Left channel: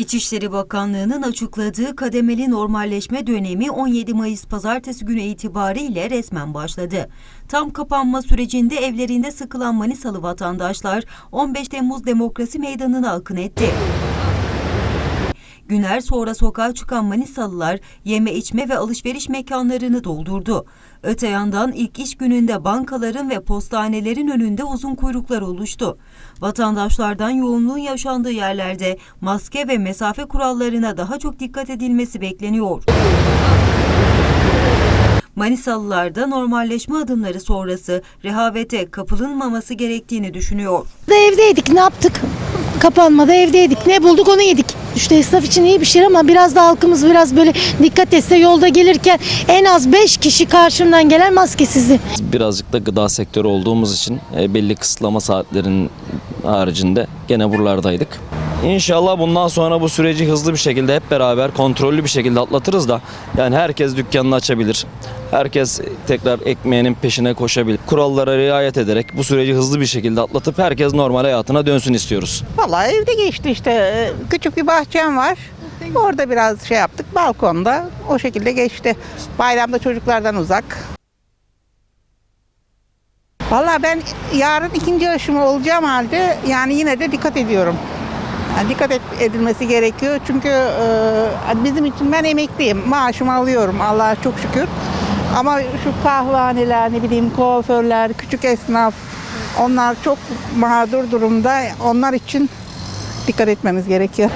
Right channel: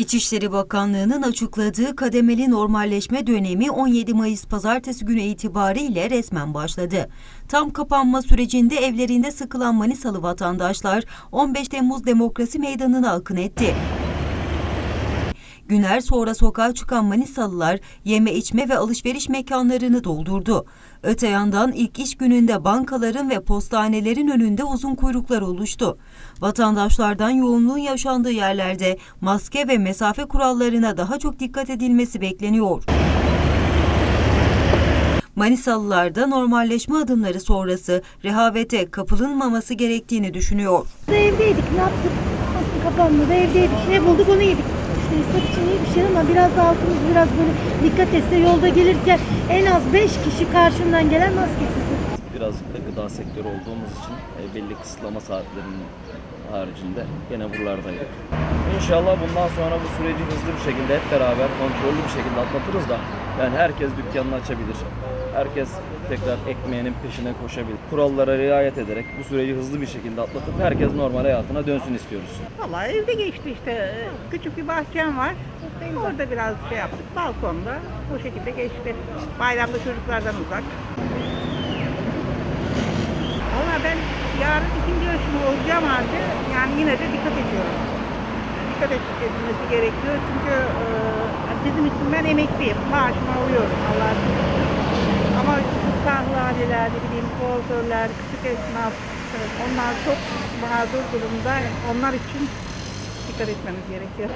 İçişleri Bakanlığı'nın açıkladığı kademeli normalleşme dönemi 17 Mayıs pazartesi günü itibariyle resmen başladı. Tam kapanma sürecinde evlerinde sıkılan Manisalı vatandaşlar 15 Temmuz Demokrasi Meydanı'na akın etti. Günler sonra sokağa çıkan Manisalılar yeme içme ve alışveriş mekanlarını doldurdu. Öte yandan ilk iş gününde bankaların ve postanelerin önünde uzun kuyruklar oluştu. Vatandaşlardan yoğunluğun yaşandığı yerlerde maske ve mesafe kurallarına daha çok dikkat edilmesi bekleniyor. Manisalılar da normalleşme adımları sonrası rehavete kapılınmaması gerektiğini düşünüyor. Evdeydik ne yaptık? Kapanmada evdeydik. Ne bulduk onu yedik. İşte esnaf için iyi bir şey ama biraz da halkımız biraz böyle dikkat etse yolda gelirken en az 5 kişi karşımdan gelen maskesizdi. Birazcık da gıda sektörü olduğumuz için e, belli kısıtlama saatlerinin haricinde gene buralardaydık. İnşallah bundan sonra bu süreci hızlı bir şekilde hep beraber kontrollü bir şekilde atlatırız da yani herkes dükkanını açabilir. Herkes tekrar ekmeğinin peşine koşabilir. Kurallara riayet ederek bu süreci hızlı bir şekilde atlatıp herkes normal hayatına dönsün istiyoruz. Vallahi evde geçti işte. Küçük bir bahçem var. Orada biraz şey yaptık. Balkonda o şekilde geçti. Bayramda çocuklardan uzak. Vallahi ben yarın ikinci aşımı olacağım halde yani yine de dikkat ediyorum. Dikkat edilmesi gerekiyor çünkü e, bizim için ben emekliyim. Maaşımı alıyorum Allah'a çok şükür. Ama şu kahvehaneler, ne bileyim kuaförler, küçük esnaf onlar çok mağdur durumda. Onlar için dikkat etmemiz gerekiyor.